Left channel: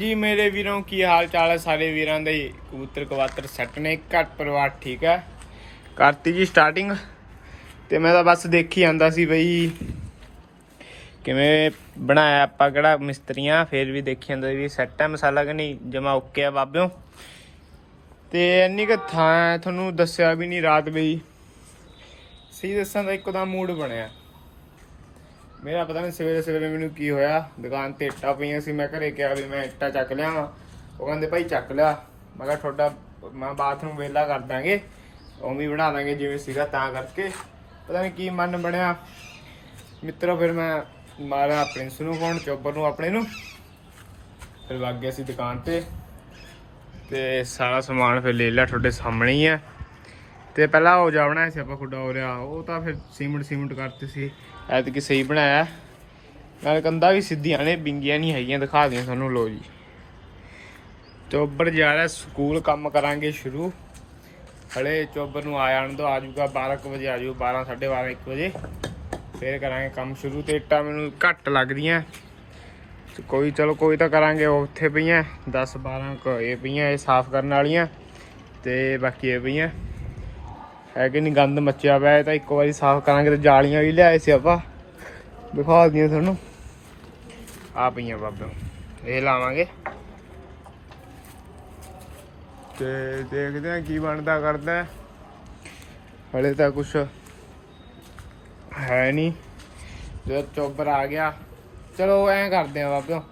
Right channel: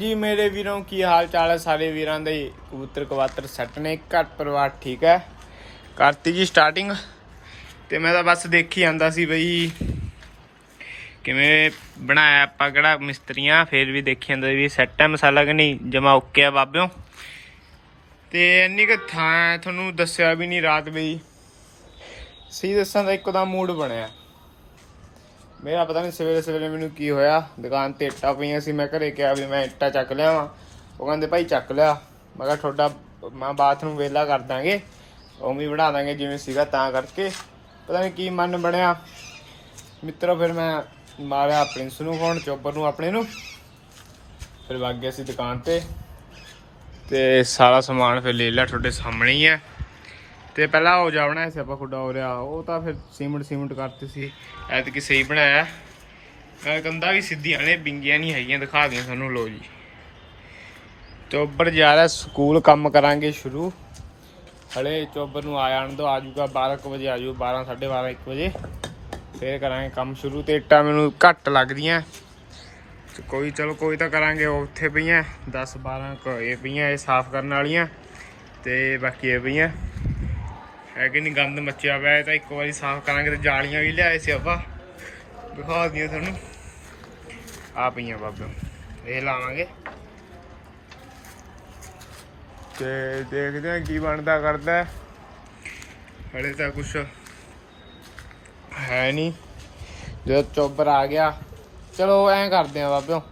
ਜੀ, ਮੇਰੇ ਵੀਰੋਂ ਕੀ ਹਾਲ ਚਾਲ ਹੈ? ਸਾਰੇ ਵੀਰਾਂ ਦੇ ਕਬੂਤਰ ਕਵਾਤਰ ਸੈੱਟ ਨੇ। ਘਰ ਪਰਿਵਾਰ ਠੀਕ ਹੈ? ਕਰਤੀ ਜੀ ਸਟਾਰਟਿੰਗ ਤੇ ਮੈਂ ਤਾਂ ਬਸ ਦੇਖੀ ਜਾਂਦਾ ਸੀ ਬਈ, ਕਿਵੇਂ ਬਣਾਇਆ ਆਪਾਂ, ਕਿਹੜਾ ਮਿਸਤਰੀਆਂ, ਫੇਰ ਵੀ ਦੇਖੀ ਜਾਂਦਾ ਵੀ ਸੈੱਟ ਹੈ ਮਸਾਲਾ ਕਿ ਨਹੀਂ, ਜਮਾ ਓਕੇ ਆ ਬਾਬਿਓ। ਤੇ ਇੰਨੀ ਕੁ ਥਾਂ ਤੁਹਾਨੂੰ ਦੱਸਿਆ ਵੀ ਨਹੀਂ ਰਾਤ ਬਈ। ਸੀ ਦੱਸਾਂ ਤਾਂ ਇੱਕਦਮ ਮੂਡ ਬਣਿਆ। ਮੇਰਾ ਪਤਾ ਨਹੀਂ ਸਵੇਰੇ ਸਵੇਰੇ ਮੈਨੂੰ ਕੀ ਹੋਇਆ, ਦੁਕਾਨ ਤੇ ਇੱਟਾਂ ਪਈਆਂ ਸੀ, ਮੈਂ ਘਰੇ ਕਿਹਾ ਵੀ ਮੈਂ ਇੱਟਾਂ ਚੱਕ ਲਿਆ ਵਾਂ ਉਹ ਕਹਿੰਦੇ, ਭਾਈ ਚੱਕ ਲਿਆ। ਮੈਂ ਕਿਹਾ, ਤੁਹਾਡਾ, ਮੈਂ ਬਾਥਰੂਮ ਵੇਲਾ ਕਰ ਦਾਂਗੇ, ਉਵੇਂ ਬਣਾ ਦਾਂਗੇ ਜਿਵੇਂ ਸੀਗਾ ਤਾਂ ਕਰਕੇ। ਪਤਾ ਨਹੀਂ ਕੀ ਮਨ ਬਣਿਆ। ਮਿੱਤਰੋ, ਫਿਰ ਮੈਂ ਮਾਰਿਆ ਪ੍ਰਿੰਸ ਨੂੰ ਫੋਨ ਚੋਬਰ ਨੂੰ ਆਪਣੇ ਨੂੰ। ਫਿਰ ਵਗ ਗਿਆ ਸੀ ਦੁਕਾਨ ਤੇ। ਤੇ ਸਾਰਾ ਸਮਾਨ ਫਿਰ ਲੈ ਲਿਆ, ਤੁਹਾਡੇ ਸਾਹਮਣੇ ਹੀ ਹੈ ਤੇ ਪਹਿਲਾਂ ਉਹ ਜਾ ਬਣਾਇਆ ਸੀ ਆਪਾਂ ਖੁੱਡਾ ਹੋ ਰਿਹਾ, ਉਹ ਤਾਂ ਫਿਰ ਸੀਮੈਂਟ ਸੀਮੈਂਟ ਕਰਤੇ ਸੀ। ਐਤਕੀ ਸਹੀ ਬਣਾਇਆ। ਨਾਲ ਕੰਦਾ ਵੀ ਸਿੱਧੀਆਂ ਨੇ, ਬਿੰਗੀਆਂ ਨਹੀਂ ਹੈਗੀਆਂ, ਦਿਖਾ ਦਿਆਂ ਸਾਨੂੰ ਲੋ ਜੀ। ਚੋਬਰ ਜਾ ਰਿਹਾ ਸਕੂਲ, ਕੰਮ ਕਰਾਂਗੇ ਸ਼ੁਰੂ। ਹਲੇ ਚੋਬਰ ਨੂੰ ਆ ਜਾਣ ਦੋ ਆਜੂਗਾ 12 ਕੁ ਵਜੇ ਆਜੂ 12 12:30 1 ਵਜੇ। ਫੇਰ ਕਰਾਂਗੇ ਕੰਮ ਸ਼ੁਰੂ। ਤੇ ਇੱਟਾਂ ਮੈਨੂੰ ਘੱਟ ਲੱਗਦੀਆਂ। ਤੇ ਕੋਈ, ਚਲੋ ਕੋਈ ਤਾਂ ਕਰਾਂਗੇ ਉਹ ਉੱਥੇ ਪਈਆਂ 10 12 ਕੁ ਇਹ ਪਈਆਂ, ਇਹ ਸਾਫ਼ ਕਰਨ ਵਾਲੀਆਂ। ਤੇ ਬਾਕੀ ਇਹ ਪਈਆਂ। ਹੈ ਕਿ ਨਹੀਂ ਗੰਦ ਮੱਚਿਆ ਪਿਆ ਤਾਂ ਇੱਕ ਵਾਰੀ ਸਾਫ਼ ਕਰਾਂਗੇ ਤੇ ਜਾਲੀਆਂ ਵੀ ਲਿਆਏ ਸੀ ਆਪਾਂ। ਦਿਖਾ ਦਈਏ ਤੁਹਾਨੂੰ। ਆ ਪਈਆਂ ਬਾਬਿਓ ਇਹ ਲਾਵਾਂਗੇ। ਤੇ ਦੇਖਦੇ ਆ ਕੀ ਬਣਦਾ ਕਰਦਾ। ਹਲੇ ਤਾਂ ਕੁਛ ਹੈ ਨਹੀਂ। ਜਦੋਂ ਚੋਬਰ ਆ ਗਿਆ। ਚਲੋ ਐਂ ਕਰਦੇ ਆ ਬਾਬਿਓ।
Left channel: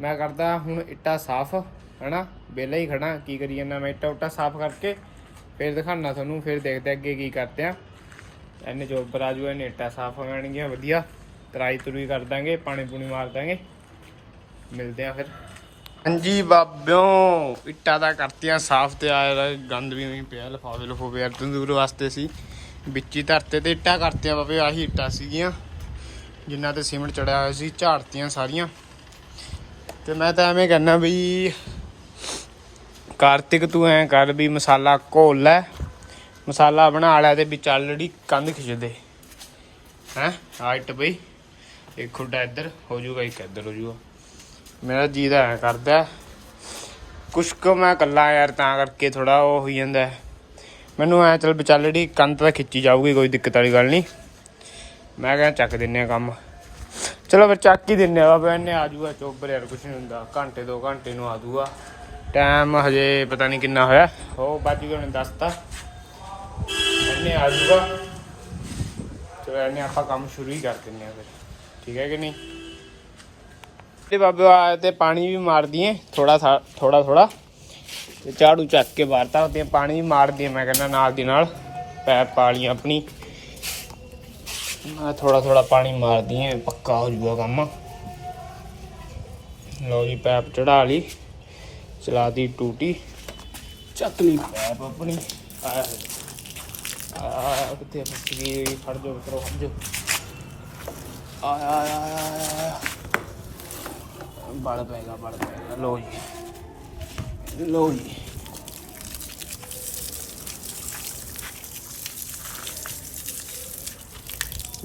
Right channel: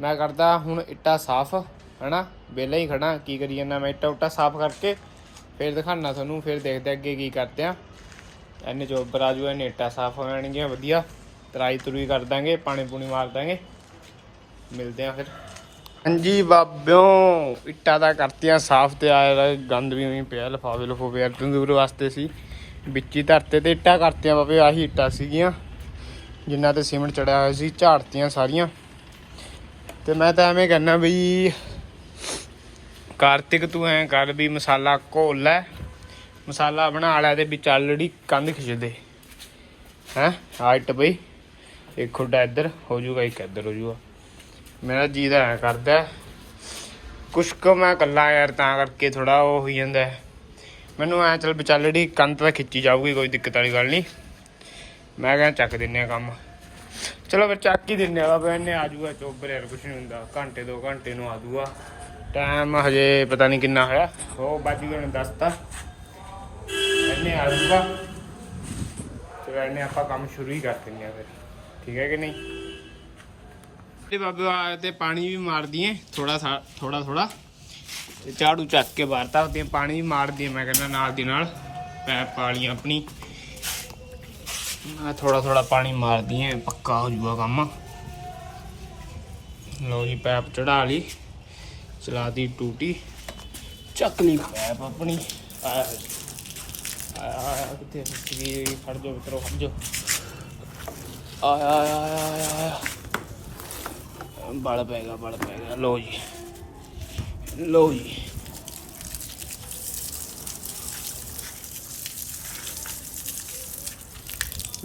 ਮੈਂ ਕਰਦਾ ਹੁਣ ਇੱਟਾ ਸਾਫ਼, ਹਨਾ? ਵਿਹਲਾ ਹੀ ਖੜਾ ਕੀ ਕਰੀ ਜਾਂਦਾ ਮੈਂ ਇੱਟਾ ਉੱਟਾ ਸਾਫ਼ ਕਰਕੇ ਫਿਰ ਦਿਖਾਣਾ ਤੁਹਾਨੂੰ, ਫਿਰ ਦੇਖਦੇ ਅੱਗੇ ਕੀ ਕਰਦੇ ਆ ਇਹਨੇ ਚੋਬਰ ਆ ਜੂ ਇਹਨੇ ਇੱਟਾਂ ਸਾਫ਼ ਹੋ ਜਾਣਗੀਆਂ, ਵਧੀਆ। ਤਰਾਈ ਤੁਰੀ ਕਰ ਦਾਂਗੇ, ਪਾਣੀ ਪੂਣੀ ਮਾਰ ਦਾਂਗੇ। ਮਿਲਦੇ ਆ ਫਿਰ। ਹਾਂਜੀ ਬਾਬਿਓ, ਇੱਟਾਂ ਦਾ ਕਰਤੀਆਂ ਸਾਫ਼ ਤੇ ਆ ਗੰਦ ਵੀ ਨਹੀਂ ਪਿਆ ਲਫਾਵੇ ਲਫੋਵੇ ਯਾਰ ਤੰਦੂਰ ਵਾਸਤੇ ਸੀ। ਵਿੱਚੀ ਧਰਤੇ ਤੇ ਇੱਟਾਂ ਕਰਤੀਆਂ ਬਾਬੇ, ਆਹੀ ਇੱਟਾਂ ਸੀਗੀਆਂ। ਜਿਨ੍ਹਾਂ ਤੇ ਸੀਮੈਂਟ ਚੜਿਆ ਹੋਇਆ ਸੀ, ਝਾੜਤੀਆਂ ਸਾਰੀਆਂ। ਤੇ ਮੈਂ ਤਾਂ ਐਵੇਂ ਕਹਿੰਦਾ ਬਈ ਕਾਰਤਿਕ ਤੂੰ ਐਂ ਕਰ ਵੀ ਮਸਾਲਾ ਘੋਲ ਲੈ, ਮਸਾਲਾ ਬਣਾ ਲੈ ਤੇ ਵਿੱਚ ਆਲਰੇਡੀ ਕੰਧ ਖਿੱਚ ਦੇ ਹੈ ਹਾਈਟ ਬਈ ਇੱਕ ਖੁੱਡਾ ਇੱਧਰ, ਹੋ ਜਾਊਗਾ ਇੱਕ ਇੱਧਰ, ਹੋ ਜਾਊਗਾ ਮੇਰਾ ਜੀ ਦਾ ਐਂ ਕਰਦਾ। ਕੁਛ ਕੁ ਮੈਂ ਕੱਲਾ ਯਾਰ, ਤਾਂ ਕਰਕੇ ਥੋੜਾ ਉਹ ਹੋਈ ਜਾਂਦਾ। ਮੈਨੂੰ ਐ ਚਲ ਵਿਚਾਲੜੀ ਕੰਧ ਤਾਂ ਖਿੱਚੀ ਜਾਊਗੀ, ਕੋਈ ਦਿੱਕਤ ਵਾਲੀ ਗੱਲ ਨਹੀਂ ਮੈਂ ਕਹਿੰਦਾ ਚੱਕ ਦਿੰਨੇ ਆ ਕੰਮ। ਚਲੋ ਫਿਰ ਚੱਕ ਹੀ ਦਿੰਨੇ ਆ ਬਈ ਇਹਨੇ ਆ ਜਾਊਗਾ ਚੋਬਰ ਯਾਰ ਕੁਛ ਨਹੀਂ ਹੁੰਦਾ। ਘੰਟੇ, ਦੋ ਘੰਟੇ ਨੂੰ ਆ ਜਾਊਗਾ ਟਾਈਮ ਹਜੇ ਪਤਾ ਨਹੀਂ ਕਿੰਨਾ ਹੋਇਆ। ਉਹ ਬਾਜੀ ਗਏ ਨੇ ਦੱਸਤਾ ਇਹਨੇ ਆ ਜੂਗਾ ਚਲੋ ਇਹਨੇ ਆਪਾਂ ਕੰਮ ਸ਼ੁਰੂ ਹੀ ਕਰ ਦਿੰਦੇ ਆ ਫਿਰ। ਠੀਕ ਹੈ ਕਿ ਨਹੀਂ? ਤੇ ਬਾਬੇ ਆ ਤੇ ਪਾਣੀ ਵੀ ਮਾਰ ਦਈਏ ਥੋੜਾ ਥੋੜਾ ਥੋੜਾ ਤੇ ਝਾੜੂ ਚੱਕ ਕੇ ਬਾਹਰਤਾ ਹੁੰਦੇ ਪਾਣੀ ਵੀ ਮਾਰ ਦਈਏ ਮੈਂ ਕਹਿੰਦਾ ਨਾਲ ਦੀ ਨਾਲ। ਪੈਪ ਪਾ ਲਈ ਆਪਣੀ। ਆ ਥੋੜਾ ਥੋੜਾ ਪਾਣੀ ਮਾਰ ਦਈਏ, ਪੱਕਾ ਹੋ ਜੂਗਾ ਕੰਮ। ਲਓ ਜੀ, ਪੈਪ ਚੜਾ ਲਈ। ਚਲਾਤੀ ਟੂਟੀ। ਚੱਕ ਲਈ ਪੈਪ ਆਪਣੀ। ਆਇਆ ਆ ਕਿੱਥੇ ਫਸ ਗਈ ਫੜ ਜੋ ਮਿੱਤਰੋ ਫੜ ਜੋ ਆਇਆ ਆਇਆ ਆਇਆ ਆਇਆ ਬਲ ਪੈ ਗਿਆ, ਬਲ ਪੈ ਗਿਆ। ਲੋ ਜੀ। ਲੋ ਜੀ।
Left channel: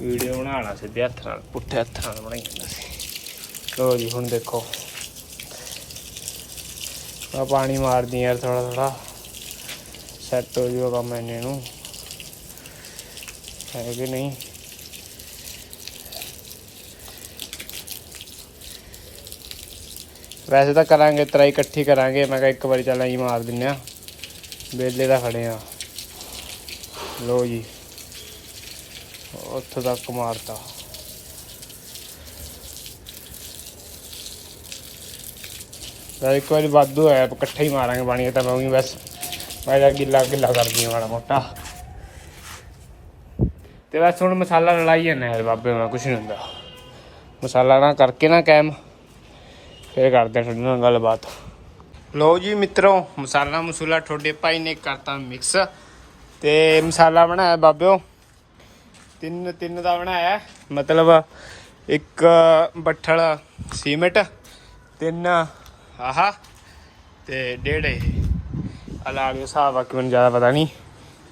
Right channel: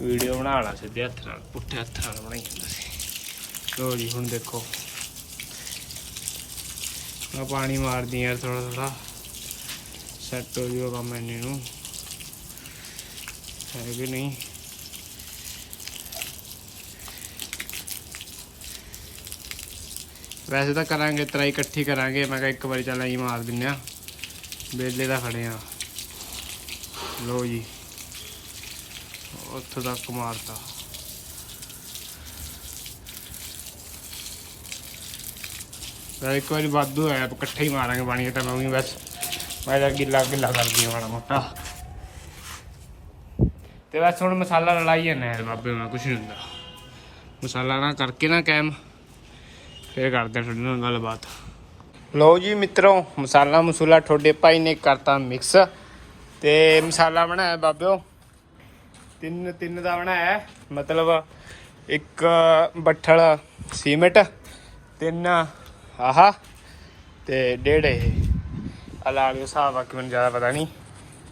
ਵੀਡੀਓ ਬਣਾ ਲਾ ਸਿੱਧੇ ਹੱਥ ਨਾਲ। ਪੁੱਠੇ ਹੱਥ ਨਾਲ ਬਣਾਈ ਜਾਂਦਾ ਸੀ। ਲੋ ਜੀ, ਹੁਣ ਦੇਖੋ। ਮੈਂ ਪਾਣੀ ਮਾਰਦੀ ਯਾਰ ਥੋੜਾ ਥੋੜਾ ਸੈੱਟ ਹੋ ਜੂਗਾ ਕੰਮ ਇਹਨੇ ਨੂੰ। ਹੈ ਕਿ ਨਹੀਂ? ਵੈਸੇ ਤਾਂ ਕਰਾਂਗੇ ਤਰਾਈ ਇਕੱਠੀ ਕਰਾਂਗੇ। ਮੈਂ ਕਿਹਾ ਇੱਕ ਵਾਰੀ ਚੱਲ ਅਸੀਂ ਮਾਰ ਦਿੰਨੇ ਆ। ਬੇਲੇ ਦਾ ਖੜੇ ਆ। ਲੋ ਜੀ। ਉੱਥੋਂ ਤੱਕ ਮਾਰਤਾ। ਵੈਸੇ ਇੱਕ ਵਾਰੀ ਵਾਧੂ ਹੋਇਆ ਆਪਾਂ ਇਕੱਠਾ ਹੀ ਮਾਰਾਂਗੇ ਪਾਣੀ ਤਾਂ ਮੈਂ ਉਹੀ ਬਸ। ਮੈਂ ਤਾਂ ਗਿੱਲਾ ਗਿੱਲਾ ਕਰਦੀ ਹਾਂ ਮਾੜਾ ਮੋਟਾ। ਤੇ ਬਸ ਹੁਣ ਮਸਾਲਾ ਲੜਾਈ ਜਾਂਦਾ ਯਾਰ ਬਾਬੇ, ਮੈਂ ਕੁਛ ਨਹੀਂ ਹੁੰਦਾ। ਮਸਾਲਾ ਨਾ ਕਰਕੇ ਨਾ ਕਾਇਮ, ਫੇਰ ਕਰਦੇ ਤੁਹਾਡੇ ਨਾਲ ਗੱਲਬਾਤ। ਲਓ ਜੀ ਮਿੱਤਰੋ, ਮਸਾਲਾ ਮਸੂਲਾ ਤੁਹਾਡੇ ਭਾਈ ਨੇ ਕਰਤਾ ਮਿਕਸ। ਤੇ ਮਸਾਲਾ ਬਣਾਇਆ ਬਾਬਿਓ। ਤਿੰਨ ਤਿੰਨ ਦਾ ਬਣਾਇਆ। ਮਤਲਬ ਇੱਕ ਬੱਠਲ ਸੀਮੈਂਟ, ਤਿੰਨ ਆਹਾ, ਤੇ ਡੇਢ। ਇਹ ਅਲਾ ਲੋ ਹਿਸਾਬ ਆ ਕਿ ਮੈਨੂੰ ਜ਼ਿਆਦਾ ਪਤਾ ਨਹੀਂ।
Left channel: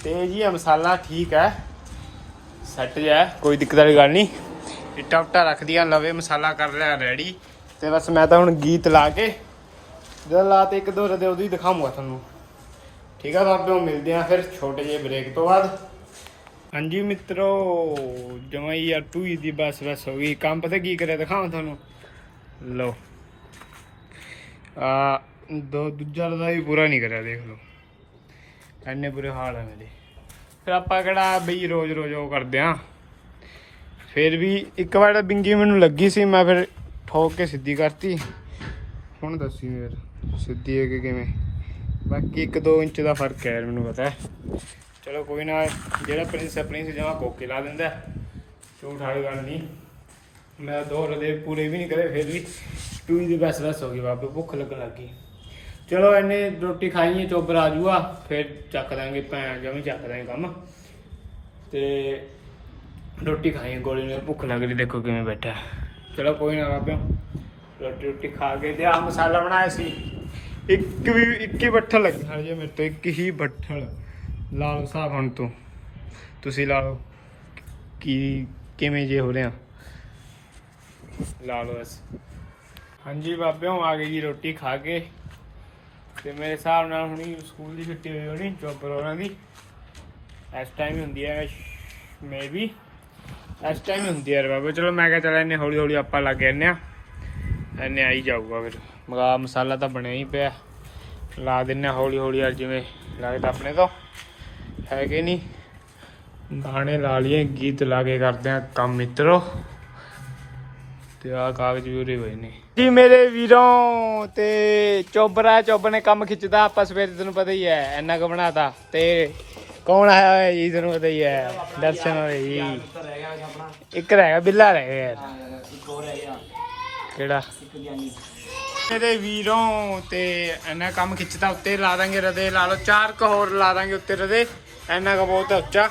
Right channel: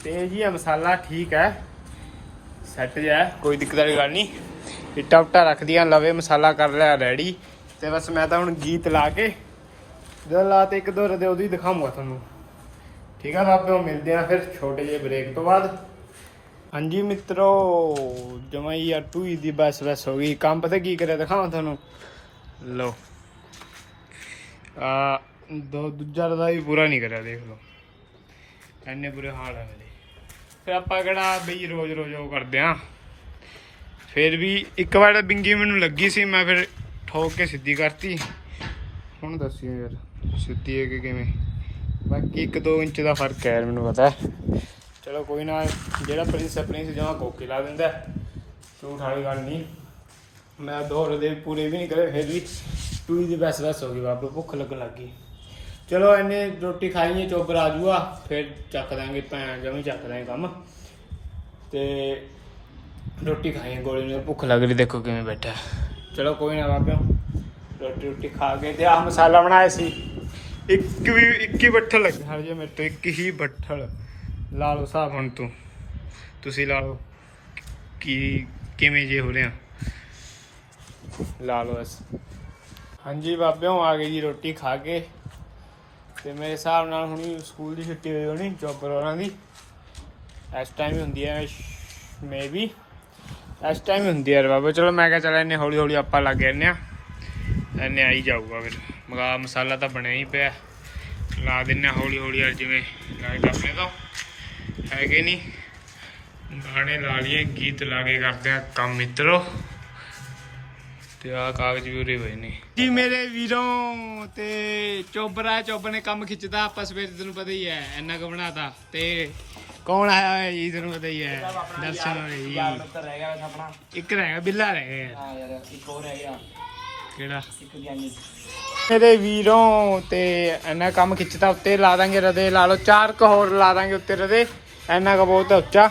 ਤੇ ਜੀ ਇਹ ਮਸਾਲਾ ਠੀਕ ਹੈ। ਸੈੱਟ ਜਿਹਾ ਕੋਈ ਦਿੱਕਤ ਵਾਲੀ ਗੱਲ ਨਹੀਂ। ਇੱਟਾ ਉੱਟਾ ਰੱਖ ਦੀਆਂ ਲਵੇ ਮਸਾਲਾ ਕਰ ਲਿਆ ਰੈਡੀ ਤੇ ਬਸ ਮੈਂ ਤਾਂ ਹੁਣ ਗੀਤ ਲਾ ਕੇ, ਜਦੋਂ ਲਾ ਲਾਤੇ ਇੱਕ ਦੋ ਰਦੇ ਉਹਦੀ ਦਿਖਾਉਂਗਾ ਤੁਹਾਨੂੰ। ਠੀਕ ਆ ਬਾਬਿਓ ਮਿਲਦੇ ਆ ਫਿਰ ਛੋਟੇ ਜਿਹੇ ਬ੍ਰੇਕ ਤੋਂ ਬਾਅਦ। ਹਾਂਜੀ ਮਿੱਤਰੋ, ਜਮਾਈ ਯਾਰ ਤੂੰ ਹੀ ਦੀ ਬਸ ਬਸ ਹੋ ਗਈ। ਕੰਮ ਪਤਾ ਕੀ ਕਰਿਆ, ਦਿਖਾਵਾਂ ਤੁਹਾਨੂੰ। ਲਓ। ਆ, ਦੋ, ਦੂਜਾ ਰਦਾ ਵੀ ਪੂਰਾ ਨਹੀਂ ਕਰਿਆ, ਦੇਖ ਲਓ। ਐਨੇ ਬੁਰੇ ਹਾਲ ਆ ਮੇਰੇ। ਫਿਰ ਆਪਾਂ ਕਿਹੜਾ ਬਈ ਰੋਜ਼ ਰੋਜ਼ ਉਹ ਕਰਦੇ ਆ। ਫਿਰ ਵੀ ਇੱਕ ਵਾਰ ਤਾਂ ਬਿੰਗੀ ਮੈਨੂੰ ਲੱਗੀ ਸੀ, ਮੈਂ ਫਿਰ ਠੋਕ ਕੇ ਸਿੱਧੀ ਕਰਤੀ। ਹੁਣ ਦੱਸਿਓ ਯਾਰ, ਸਿੱਧੀ ਹੈ ਕਿ ਕਿਵੇਂ? ਬਾਕੀ 1-2 ਇੰਚ ਦਾ ਫ਼ਰਕ ਹੈ ਮੈਨੂੰ ਪਤਾ ਚਲੋ ਕੋਈ ਨਾ, ਜਿਹੜਾ ਪ੍ਰਿੰਸ ਪ੍ਰਿੰਸ ਜਮਾ ਕੋਕੇ ਲਾ ਦਿੰਦਾ ਝੂਠ ਵਾਲੀ ਗੱਲ ਨਹੀਂ। ਮੈਂ ਦੋ ਰਦੇ ਪੂਰੇ ਵੀ ਨਹੀਂ ਕਰੇ, ਫਿਰ ਵੀ ਟੂਈ ਦੀ ਬਸ ਬਸ ਹੋ ਗਈ ਬਾਬੇ, ਭੁੱਖ ਲੱਗਣ ਲੱਗ ਗਈ। ਚਲੋ ਐਨੇ ਰੋਟੀ ਖਾਈਏ ਚੋਬਰ ਆ ਜੂਗਾ ਫਿਰ ਚੱਕ ਦਾਂਗੇ ਭੈਣ, ਜਮੀ ਚੱਕ ਦਾਂਗੇ ਕੰਮ। ਤੇ ਰੋਟੀ ਖਾਈਏ ਗੋਲੀ ਨੂੰ ਭੁੱਖ ਲੱਗ ਰਹੀ, ਦੇਖੋ ਕਿਵੇਂ ਬੈਠਾ। ਚਲੋ ਕੋਈ ਨਾ ਬਾਬੇ, ਰੋਟੀ ਰੋਟੀ ਖਾ ਕੇ ਤੇ ਆਹ ਮਸਾਲਾ ਬਣਾਇਆ ਸੀ। ਇੱਕ ਵੀ, ਇੱਕ ਹੀ ਬੱਠਲ ਲੱਗੀ ਹਰ ਜੇ ਮੇਰੇ ਤੋਂ ਇੱਕ ਹੀ ਬੱਠਲ। ਲਾ ਲਓ ਹਿਸਾਬ ਹੁਣ ਤੂੰ। ਤੁਸੀਂ ਲਾ ਲਓ। ਕੀ, ਕਿਵੇਂ ਜੇ ਹੋ ਰਿਹਾ। ਲਾ ਲਓ ਬਸ। ਹਾਂਜੀ ਬਾਬਿਓ, ਆ ਗਈ ਜੀ ਰੋਟੀ ਖਾ ਕੇ। ਤੇ ਮੇਰੇ ਹਿਸਾਬ ਨਾਲ ਹੁਣੀ ਸਕੂਲ ਦੀ ਛੁੱਟੀ ਹੋਈ ਹੋਣੀ ਚੋਬਰ ਹੋਰਾਂ ਦੀ ਇਸ ਟਾਈਮ ਹੀ ਹੁੰਦੀ ਹੈ ਮੇਬੀ ਇਸ ਟਾਈਮ ਹੀ ਹੁੰਦੀ ਹੈ ਯਾਰ ਬਾਬਾ, ਚਲੋ ਮੈਂ ਕਿਹਾ ਚੱਲ ਇਹਨੇ ਹੌਲੀ ਹੌਲੀ ਆਪਾਂ ਲੱਗ ਜਾਂਦੇ ਆ ਇਹਨੇ ਆਈ ਜਾਊਗਾ ਫਿਰ। ਮਗਾ ਮਸਾਲਾ ਤਾਂ ਬਣਿਆ ਹੀ ਪਿਆ। ਲਾ ਦਿੰਨੇ ਆ ਹੌਲੀ ਹੌਲੀ ਯਾਰ, ਜਿਵੇਂ ਲੱਗਦਾ ਆਪਣੇ ਤੋਂ। ਹੈਗੇ ਨਹੀਂ ਗਾਣੇ ਲਾ ਲਈਏ, ਗੀਤ ਲਾ ਕੇ ਕਰਦੇ ਆ ਕੰਮ ਮਿੱਤਰੋ। ਤੇ ਆ ਕਾਗਜ਼ ਵੀ ਉਰੇ ਹੋਏ ਨੇ। ਜੀ ਮੇਰੇ ਵੀਰੋਂ ਤੇ ਚੋਬਰਾ ਚੋਬਰ ਨੇ ਕੰਮ ਖਿੱਚਦਾ, ਆਪਾਂ ਸਵੇਰੇ ਤੈਨੂੰ ਪਤਾ ਹੀ ਹੈ, ਇੰਨਾ ਕੁ ਬਣਾਤਾ। ਤੇ ਕੌਣ ਆਇਆ ਹੋਇਆ ਜੀ, ਤੈਨੂੰ ਪਤਾ ਹੀ ਹੈ, ਦਰਸ਼ਨ ਹੋਏ ਜੀ। ਇੱਕ ਰਹਿ ਗਿਆ, ਬਿੱਲਾ ਰਹਿ ਗਿਆ। ਯਾਰ ਇੱਕ ਹੋਰ ਹੈ ਯਾਰ ਕਿਹੜਾ? ਮੇਰੇ ਵੀਰੋਂ ਤੇ ਇੰਨਾ ਕੰਮ ਖਿੱਚਦਾ, ਉੱਤੇ ਲਾ ਦਾਂਗੇ ਰਦੇ, ਲਾ ਲਓ, ਚਾਰ ਕ ਹੋਰ ਲਾ ਦਾਂਗੇ ਉੱਤੇ ਰਦੇ, ਇੰਨਾ ਕ ਬਹੁਤ ਉੱਚਾ।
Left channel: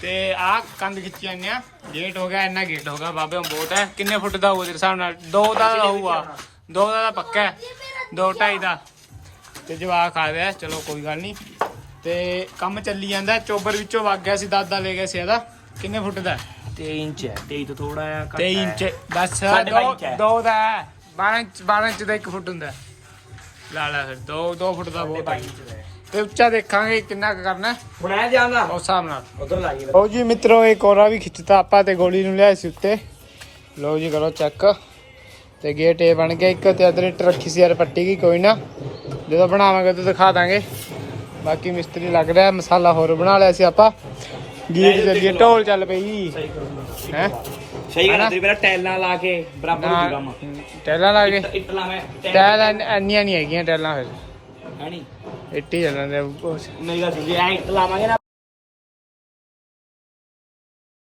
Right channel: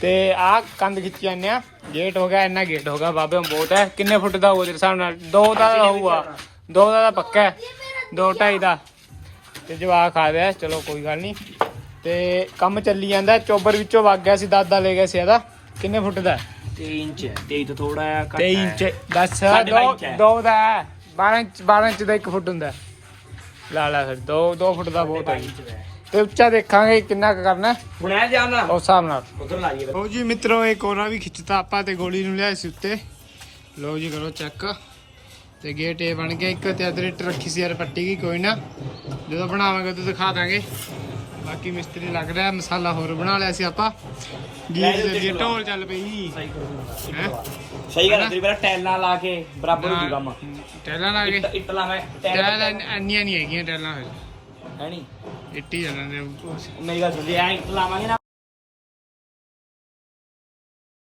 ਤੇ ਆਹ ਕੰਧ ਖਿੱਚ ਜਾਂਦੇ ਆ। ਗੇਟ ਹੋ ਗਿਆ ਇੰਨਾ ਗੇਟ ਹੋ ਗਿਆ ਬਾਬੇ ਬਹੁਤ ਹੈ। ਕਿੰਨੇ ਫੁੱਟ ਦਾ ਹੋਊਗਾ ਤੇਰੇ ਹਿਸਾਬ ਨਾਲ? ਦੋ ਦਾ ਤਾਂ ਹੋਊਗਾ। ਦੋ ਦਾ ਤਾਂ ਪੱਕਾ ਹੈ। ਦੋ ਢਾਈ ਦਾ। ਤੇ ਜਵਾਕ ਖਾ ਰਿਹਾ ਚਲੋ ਕੋਈ ਗੱਲ ਨਹੀਂ। ਤੇ ਕੰਮ ਚੱਲੀ ਜਾਂਦਾ ਚੋਬਰ ਵਿੱਚੋਂ ਵਗ ਗਿਆ ਸੀ ਦਾਦਾ ਲੈ ਗਿਆ ਸੀ ਇਹਦਾ ਕਿੰਨੇ ਫੁੱਟ ਦਾ ਹੈ? 23 ਇੰਚ ਹੈ। 23 ਤੋਂ ਥੋੜਾ ਆ ਘੱਟ 23 ਇੰਚ। ਬਸ ਸਾਢੇ ਦੋ। ਦੋ ਦਾ ਹੈ। 12 ਇੰਚ 12 ਇੰਚ ਦਾ 1 ਫੁੱਟ ਹੁੰਦਾ। ਲਾ ਲਾ ਫਿਰ 2 2 ਫੁੱਟ ਦਾ ਬਹੁਤ ਹੈ। ਤੇ ਉੱਚਾ ਦੇਖਾਂਗੇ ਕਿੰਨਾ ਕੁ ਕਰਨਾ। ਹੈ, ਬਣਾਇਆ ਜਾਂਦਾ ਉਸ ਹਿਸਾਬ ਨਾਲ। ਉਧਰ ਲਾਈਏ ਲਓ ਜੀ ਮਿੱਤਰੋ ਇਹ ਕੋਰਾ ਵੀ ਖਿੱਚਤਾ। ਆਪਾਂ ਤੇ ਗੋਲੀ ਨੂੰ ਲਿਆਏ ਸੀ ਉੱਤੇ। ਲਓ ਜੀ ਕਰੋ ਚੈੱਕ। ਤੇ ਗੇਟ ਇਹ ਬਣ ਗਿਆ ਇੱਕ ਤੇ ਅਦਰ ਇੱਟ ਰੱਖੀ ਸੀ ਯਾਰ ਪੱਟੀ ਕੀ ਕੋਈ ਨਾ। ਜਦੋਂ ਬਣਾਵਾਂਗੇ ਤਾਂ ਦਿਖਾ ਦਾਂਗੇ। ਬਾਕੀ ਮਿਸਤਰੀ ਲੱਗ ਰਿਹਾ ਮਸਾਲਾ ਹੋਰ ਬਣਾ ਲਿਆ ਸੀ ਆਪਾਂ। ਗੀਤ ਚੱਲੀਏ ਢੋਲ ਚੱਲ ਪਈ। ਸਹੀ ਕਰੂੰਗਾ ਹੈ? ਸਹੀ ਗੱਲ ਤੇਰੀ ਪਹਿਲਾਂ ਟੈਲਾਂ ਲਾ ਕੇ ਬਰਾਬਰ ਹੋ ਜੂਗਾ ਮਾ। ਟੈਲਾਂ ਲਾ ਕੇ। ਇੱਟ ਲਾ ਮੈਂ ਟੈਲ ਇੰਨੀਆਂ ਨਹੀਂ ਹੈਗੀਆਂ ਟੈਲਾਂ ਫਿਰ। ਹੈ ਨਹੀਂ ਇੱਟੀ ਚੱਲਣ ਦੇ ਨਹੀਂ ਗੱਲ ਸੁਣਦੀ ਐ ਲਾਵਾਂਗੇ ਨਾ।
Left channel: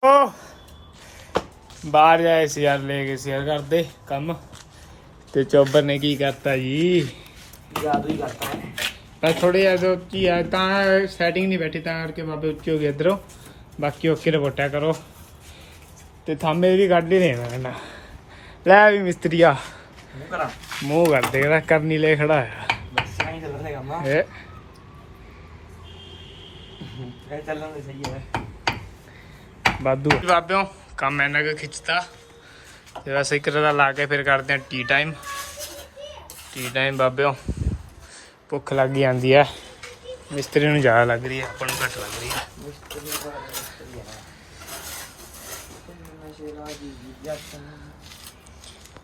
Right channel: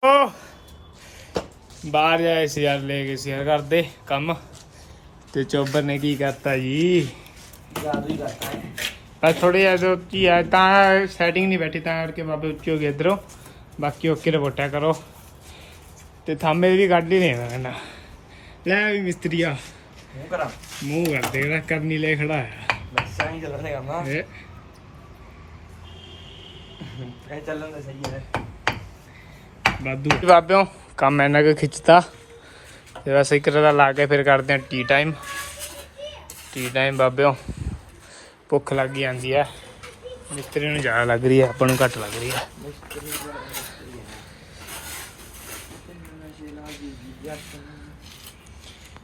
ਓ। ਬਾਹਰ ਜਾਏ ਸੀ ਯਾਰ ਲੈ ਕੇ ਸੀ ਯਾਰ ਕਰਦੇ ਕੰਮ। ਤੇ ਚੋਬਰ ਨੇ ਕੀ ਕਰਤਾ ਜੀ? ਜਾਦੂ ਹੀ ਕਰਤਾ ਹੈ। ਬਸ ਥੋੜੀ ਜਿਹਾ ਆ ਤਾਂ ਸੈਟਿੰਗ ਨਹੀਂ ਬੈਠੀ ਤਾਂ ਕਰਕੇ ਬਾਬੇ ਉੱਚੇ ਹੋ ਗਏ ਇਧਰੋਂ। ਬਾਕੀ ਓਕੇ ਰਿਪੋਰਟਾਂ ਕਰੋ। ਤੇ ਥਾਮੇ ਵੀ ਕੱਢ ਹੀ ਲੈਣਾ ਨਾ ਲੈ ਵੀ ਮਿਸਤਰੀਆ। ਮੂੰਹ ਕਰਾਂ। ਮੂੰਹ ਕਰ ਦੇ ਜਿਹੜਾ ਕਰਨੀ ਲੈ ਖੜਾ ਆ। ਬਸ ਐਂ ਚੱਲ ਰਿਹਾ ਕੰਮ ਇਹ ਐ ਚੱਲਣ ਦੇ ਸਹੀ ਹੈ ਬਾਦੂ। ਬਾਬਿਓ ਕੰਮ ਇਹਨਾਂ ਕੁ ਖਿੱਚਤਾ। ਬਸ ਇੱਕ ਤਰ੍ਹਾਂ ਲਾ ਕੇ ਫਿਰ ਕਰਦੇ ਆ ਟੀ ਟਾਈਮ ਟੀ ਟਾਈਮ ਬਾਬਿਓ ਭੁੱਖ ਲੱਗ ਜਾਂਦੀ ਹੈ ਮਿਸਤਰੀ ਨੂੰ ਜ਼ਿਆਦਾ ਲੱਗ ਰਹੀ ਹੈ ਆਪਾਂ ਨੂੰ ਘੱਟ ਲੱਗ ਰਹੀ ਹੈ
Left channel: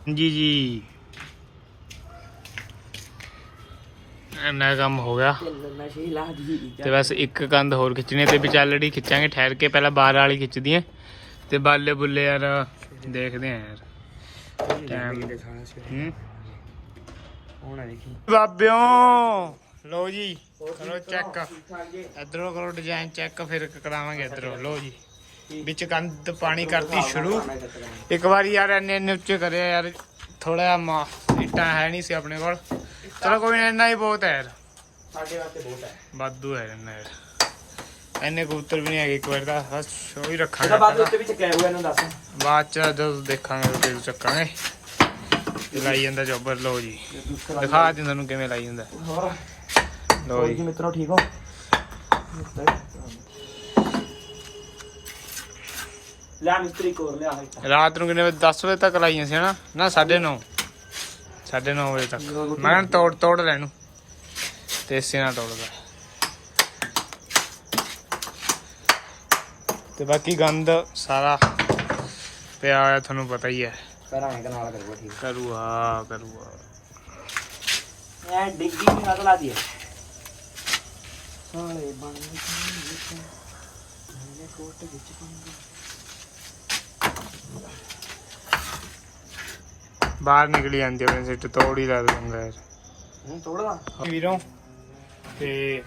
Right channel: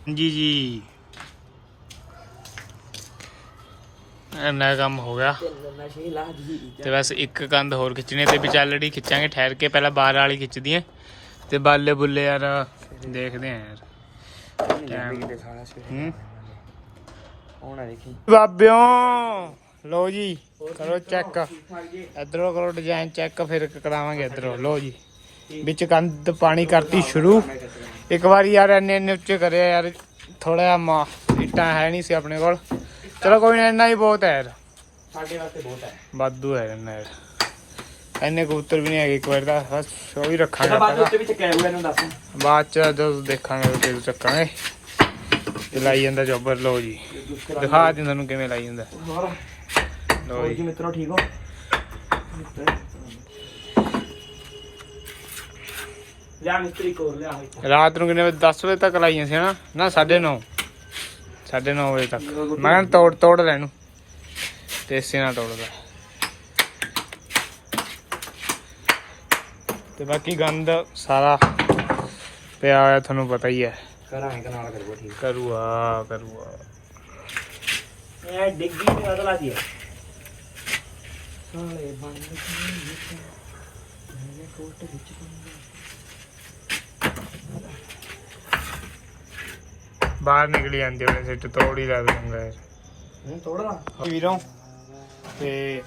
ਜੀ ਜੀ। ਇੰਨਾ ਕੰਮ ਹੋ ਗਿਆ। ਤੇ ਬਸ ਇੱਕ ਕੰਧ ਹੋਰ ਖਿੱਚਣੀ ਤੇ ਵਿਚਾਲੜੀ ਖਿੱਚਾਂਗੇ ਠਹਿਰ ਕੇ ਪਹਿਲਾਂ ਬਾਹਰ ਵਾਲੀ ਖਿੱਚਦੀਆਂ ਤੇ ਬਾਲੇ ਬੁੱਲੇ ਯਾਰ ਦੇਖਦੇ ਆ ਯਾਰ। ਬਾਬਿਓ ਲੋ ਜੀ ਕਰੋ ਚੈੱਕ ਇਧਰੋਂ ਕਰੋ ਡਿਜ਼ਾਈਨ ਚੈੱਕ ਫਿਰ ਕਰਾਵਾਂਗੇ ਇਧਰੋਂ। ਲੋ ਜੀ ਵਿੱਚ ਕੰਧ ਪਾਣੀ ਕਰਤੀ ਸ਼ੁਰੂ। ਇੱਕ ਵਾਰੀ ਯਾਰ ਇੰਨੇ ਇੰਨੇ ਉੱਚੇ ਕਰਿਆ ਯਾਰ ਥੋੜਾ ਜਿਹਾ ਮਾ ਇੱਟਾਂ ਹੈ ਨਹੀਂ ਸੀ ਆਪਣੇ ਕੋਲ। ਚਲੋ ਕੋਈ ਨਾ ਇੰਨਾ ਹੀ ਬਹੁਤ ਹੈ ਯਾਰ। ਸਾਡੇ ਵਾਸਤੇ ਬਹੁਤ ਹੈ। ਵਾਧੂ ਹੈ ਇੰਨਾ ਯਾਰ। ਇੰਨੇ ਕਬੂਤਰ ਵੀ ਨਹੀਂ ਹੈਗੇ ਇੱਕ ਵਾਰ ਦਾ ਬਸ ਉਹ ਹੀ ਰੱਖਾਂਗੇ ਬਾਅਦ ਆਪਾਂ ਉੱਤੇ ਵੀ ਚੱਕਿਆ ਹੋਇਆ ਇਹਨੂੰ ਦੱਸ। ਬਾਅਦ ਚ ਜਦੋਂ ਦੇਖਾਂਗੇ ਉਦੋਂ ਚੱਕਾਂਗੇ। ਇਹ ਲਾਈ ਜਾਂਦਾ ਜੋਬਰ ਲੋ ਜੀ। ਦਿਖਾ ਦਿੰਦਾ ਤੁਹਾਨੂੰ ਕਿਵੇਂ ਲਾਈ ਜਾਂਦਾ। ਹੋਰ? ਲੋ ਜੀ। ਮਿੱਤਰੋ ਠੀਕ ਹੋ? ਲਿਆ ਮਿਸਤਰੀ ਕੋਰ ਲਿਆ। ਹੈ ਰਾਤ ਨੂੰ ਕਿੰਨੇ ਵਜੇ 10 ਵਜੇ ਤੱਕ ਲਾਈਆਂ ਸੀ ਹਨਾ? ਨਾ 9:30 9:30 ਵਜੇ ਤੱਕ। ਮੈਂ ਕਿਹਾ ਤੋੜ ਤੋੜ ਲੈ ਇਹਨੂੰ। ਤੇ ਇਸੇ ਨਾਲ ਤੋੜਦਾ। ਤੇ ਬਾਕੀ ਗੰਦ ਸਾਰਾ ਪਿਆ ਹੋਇਆ ਤੁਹਾਨੂੰ ਪਤਾ ਹੀ ਹੈ। ਕਰਾਂਗੇ ਕਨਾਲ ਕਰੋ ਠੀਕ ਕਰੂਆ ਕਰੂਆ। ਇਹ ਡਿੱਗੀ ਨਹੀਂ ਅਗਲਾ ਜੀ ਸਾਲੇ ਬਣ ਗਏ। ਮੇਰੇ ਫੋਟੋ ਖਿੱਚ ਪੰਦੇ ਬਾਹਰ ਨਿਕਲੀ ਜਾਂਦੀ ਉਹਨੇ ਸਿੱਟ ਤੋੜ ਹੀ ਲਾ ਦੂੰਗਾ ਯਾਰ ਹੁਣ ਤੋੜਵਾ ਵੀਰੋਂ ਤੇ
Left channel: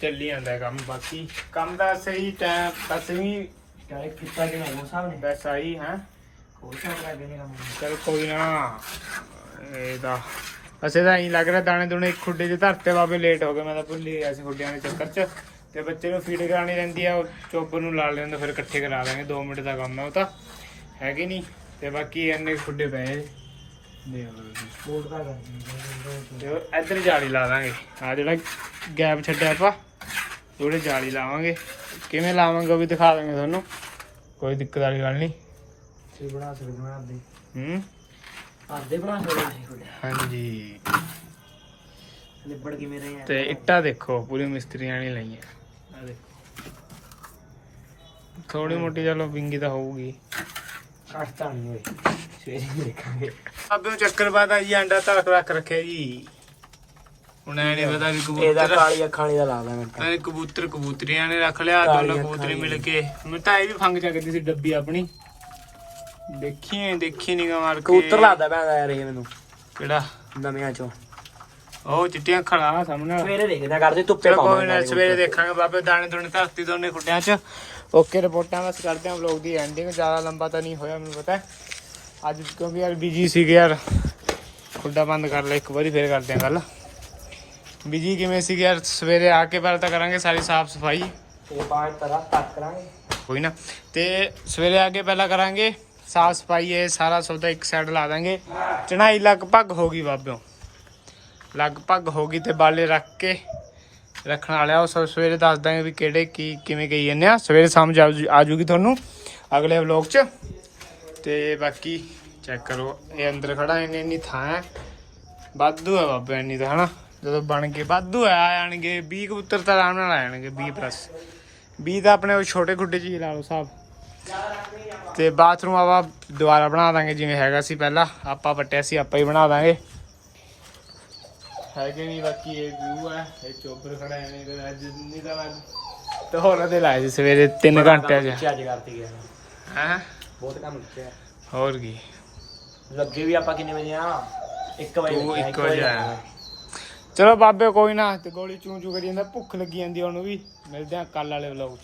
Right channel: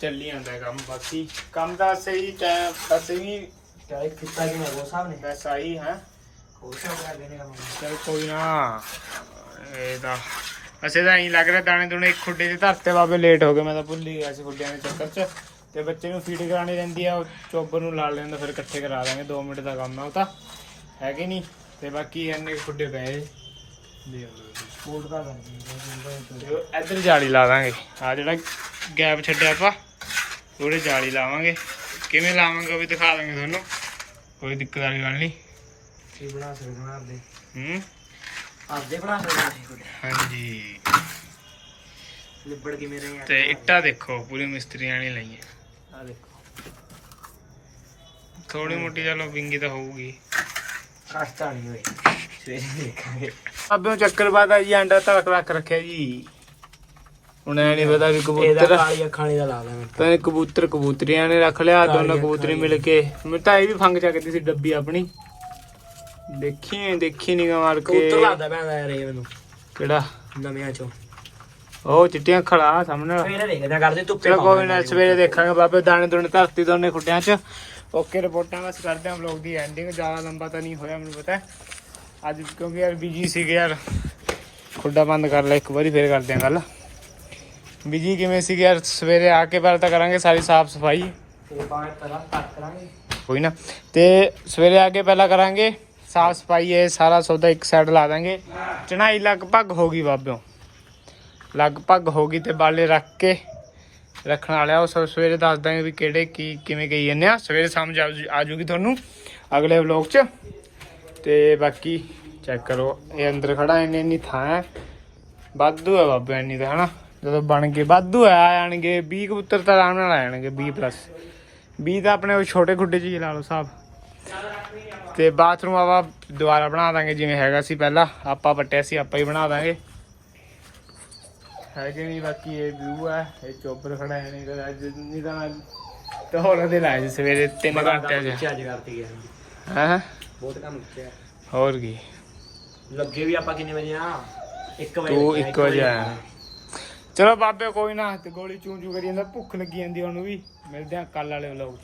ਚੱਲੀ ਜਾਂਦਾ ਕੰਮ ਬਾਕੀ। ਕੰਮ ਦਾ ਸਹੀ ਟਾਈਮ ਬਸ ਵੀ ਚਾਹੇ ਫਿੱਤਾ ਕਿ ਨਾ ਉਹ ਸਾਹਮਣੇ ਬਸ ਆਈ ਹਾਂ। ਲੱਗੇ ਚਲ ਕੋਈ ਨਾ ਇਹ ਤਾਂ ਅਸੇ ਤਾਂ ਐਂ ਲੱਗ ਰਿਹਾ ਦਾਣੇ ਦੁਣੇ ਇੱਕ ਖੁੱਡੇ 'ਚ ਧਰਤੇ ਬਾਬੇ ਲੇਟ ਹੋ ਗਏ। ਮੈਂ ਤਾਂ ਭੁੱਲ ਹੀ ਗਿਆ ਸੀ ਖੁੱਡਿਆਂ ਦੇ ਚੱਕਰ 'ਚ। ਤੇ ਬੱਚੇ ਨੂੰ ਫੀਡ ਕਰਾਣੀ ਰਹਿੰਦੀ ਆ ਚੋਬਰ ਨੂੰ ਲਾ ਲੈਂਦਾ ਫਿਰ ਇਕੱਠੇ ਕਰਾ ਦਾਂਗੇ 2 ਮਿੰਟ ਦਾ ਕੰਮ ਹੈ ਉਹ ਤਾਂ। ਹੈ ਕਿ ਨਹੀਂ? ਤੇ ਬਾਕੀ ਇੰਨੇ ਕੁ ਖੁੱਡੇ ਪਏ। ਦੇ। ਸਪੋਰਟ ਦਾ ਕਰਦੀ ਤੇ ਉਹ ਇੱਧਰ ਜਾਲੀ ਲਾ ਦਾਂਗੇ। ਆ ਜਿਹੜਾ ਗੈਪ ਛੱਡਿਆ ਆਪਾਂ ਉਹਦੇ ਜਾਲੀ ਲਾਵਾਂਗੇ। ਕਿਵੇਂ ਲਾਵਾਂਗੇ ਉਹ ਵੀ ਦਿਖਾ ਦਾਂਗੇ ਤੁਹਾਨੂੰ। ਕੋਈ ਦਿੱਕਤ ਵਾਲੀ ਗੱਲ ਨਹੀਂ। ਕੀ ਬਣਾ ਸਕਦੇ ਹਾਂ ਆਪਦੇ ਹੂੰ? ਆਪਦੇ ਬਣਾ ਸਕਦੇ ਹਾਂਜੀ। ਲਿਬੜ ਕੇ ਮੇਰੇ ਆ? ਤੇ ਇੱਟਾਂ ਦੇਖੋ ਪੂਰੀ ਮਿਸਤਰੀਆਂ ਨਹੀਂ ਲਾਈਆਂ। ਆ ਦੇਖੋ। ਥੋੜੀ ਮੋਟੀ ਚਲੋ ਵਿੰਗੀ ਤਾਂ ਹੋਊਗੀ। ਕਾਸ਼ਤਾ ਨਹੀਂ ਹੋਈ ਸਵੇਰੇ ਦੇਖਾਂਗੇ। ਚੱਕਰ ਜੀ ਅੰਡਾ ਤੜਕ ਰੱਖ ਰੱਖਿਆ ਜੀ। ਹੁਣ ਐ ਨਹੀਂ ਪਤਾ ਵੀ ਇਹਦਾ ਕਬੂਤਰ ਕਾਲੀ ਅੱਖਾਂ ਵਾਲੀ ਦਾ ਲਾ ਲੈਣਾ। ਤਾਂ ਕਬੂਤਰ ਕਬੂਤਰੀਆਂ ਨੇ ਰੱਖ ਲਿਆ ਦੋਨੋਂ ਕਬੂਤਰੀ ਮਿਲ ਕੇ। ਮੈਂ ਤਾਂ ਇਹ ਵੀ ਫੰਗ ਚੱਕਦੀ ਸੀ ਡੱਬੀ ਆਪਣੀ। ਦੇਖੀ ਦੇਖੀ ਨਹੀਂ ਮਾਰ ਕੇ। ਕਬੂਤਰ ਲਾਦਾ ਮੈਂ ਯਾਰ ਇਹ ਮੈਨੂੰ। ਕਿਹੜਾ? ਨਵਿਆਂ ਚੋਂ। ਉਹ ਚਿੱਟੀਆਂ ਖੜਾ ਸਾਹਮਣੇ। ਸਵੇਰੇ ਦੇਖਦੇ ਕਰਦੇ ਧੁੱਪੇ ਚਲੋ ਕੋਈ ਨਾ ਸਵੇਰੇ ਦੇਖਾਂਗੇ ਬਾਬੇ ਦਾਣੇ ਦੋਨੇ ਧਰਤੀ ਦੋਨੇ ਖੁੱਡਿਆਂ 'ਚ। ਓਕੇ ਰਿਪੋਰਟਾਂ ਬਸ ਕਰਦੇ ਹਾਂ ਵਲੌਗ ਦੀ ਐਂਡਿੰਗ ਜ਼ਿਆਦਾ ਲੰਬਾ ਤਾਂ ਨਹੀਂ ਹੋਇਆ ਮੈਨੂੰ ਪਤਾ। ਅੱਜ ਕਿਉਂਕਿ ਯਾਰ ਬਿਜ਼ੀ ਸੀਗੇ ਯਾਰ ਖੁੱਡਾ ਬੰਦ ਕਰ ਲੈ ਇੱਕ ਵਾਰੀ ਫੇਰ ਕਰਦੇ ਹਾਂ ਗੱਲ। ਬਿਜ਼ੀ ਕਿਵੇਂ ਸੀਗੇ ਯਾਰ? ਸਵੇਰੇ ਆ ਕੇ ਪਹਿਲਾਂ ਤਾਂ ਕਰਾਂਗੇ ਸਾਰੀ ਸਾਫ਼ ਸਫ਼ਾਈ। ਇਹ ਪਾਠ ਤਰਾ ਸਟਾਰਟ ਕਰਾਂਗੇ। ਕੋਈ ਨਾ। ਤੇ ਸਵੇਰੇ ਆ ਕੇ ਪਹਿਲਾਂ ਕਰਾਂਗੇ ਸਾਫ਼ ਸਫ਼ਾਈ ਇਹ ਸਾਰਾ ਸੌਦਾ ਇੱਕ ਸਾਈਡ ਲਾ ਦਾਂਗੇ। ਚਣਾਈ ਲਗਭਗ ਹੋ ਗਈ ਬਾਬਿਓ। ਲਗਭਗ ਹੋ ਗਈ ਤੇ ਬਾਲੇ ਰੱਖ ਕੇ ਰੱਖਣ ਵਾਲਿਆ ਉਹ ਸਭ ਸਵੇਰੇ ਦੱਸ ਦਾਂਗੇ ਵੀ ਕਿਹੜੇ ਕੀ ਕਿਵੇਂ ਗਈ ਜਾਂਦੇ ਆ। ਸਵੇਰੇ ਸਮਝ ਆ ਜੂ- ਆ ਜੂਗੀ ਤੁਹਾਨੂੰ ਅਗਲੇ ਵਲੌਗ 'ਚ। ਤੇ ਬਾਕੀ ਚੈੱਕ ਕਰੋ, ਇਹ ਅੰਦਰ ਖੜਾ, ਇੰਨੀ ਇੰਨੀ ਥਾਂ ਹੈ। ਵਾਧੂ ਹੈ ਬਾਬਾ, ਇੰਨੀ ਤਾਂ, ਹਨਾ? ਜਦੋਂ ਬਣ ਕੇ ਵਾਧੂ ਹੈ, ਆ ਜਾਣਗੇ। 20 ਕਬੂਤਰ ਤਾਂ ਆਰਾਮ ਨਾਲ ਆ ਜਾਣਗੇ 20 ਪਲੱਸ 20 ਤਾਂ ਆਪਣੇ ਉਹ ਛੋਟੇ ਖੁੱਡੇ 'ਚ ਹੀ ਲਾ ਲਓ ਸਾਹਿਬ ਤੇ ਬਾਥਰੂਮ ਆਪਾਂ ਦੁਬਾਰਾ ਬਣਾ ਦਾਂਗੇ, ਜਿਵੇਂ ਹੈਗਾ ਸੀ ਪਹਿਲਾਂ। ਆਪਾਂ ਪੱਟਿਆ ਸੀ, ਆਪਾਂ ਹੀ ਬਣਾ ਦਾਂਗੇ। ਹੈ ਕਿ ਨਹੀਂ ਬਾਕੀ ਇਹ ਵਿਊ ਹੈ ਇਹ ਚੋਬਰ ਖੜਾ ਹੈ ਨਹੀਂ ਤਾਂ ਅੱਜ ਨਹੀਂ ਤਾਂ ਅੱਜ। ਤੇ ਹੋਲਾ ਦੇ ਲਾਏ ਸੀ ਸਵੇਰੇ 3 ਘੰਟਿਆਂ 'ਚ। ਅੱਜ ਕਰਤੀ ਗਿਆ ਹੈ? ਬਹੁਤ ਕੰਮ ਕੀਤੇ ਹੋਰ ਕੀ? ਲੱਗੇ ਵੀ ਆਪਾਂ ਕਿੰਨੇ ਵਜੇ ਆ? 1 ਵਜੇ ਤੂੰ ਲੱਗੇ ਆ, ਇੱਕ ਵਜੇ ਆਇਆ। ਚਲੋ ਬਾਬੇ ਕੋਈ ਨਾ ਤੇ ਗੋਲੀ ਚੂੰ ਚੂੰ ਕਰੀ ਜਾਂਦਾ ਭੁੱਖ ਲੱਗੀ ਜਾਂਦੀ ਉਹਨੂੰ ਵੀ। ਮਿਲਦੇ ਆ ਕੱਲ ਵਾਲੇ ਵਲੌਗ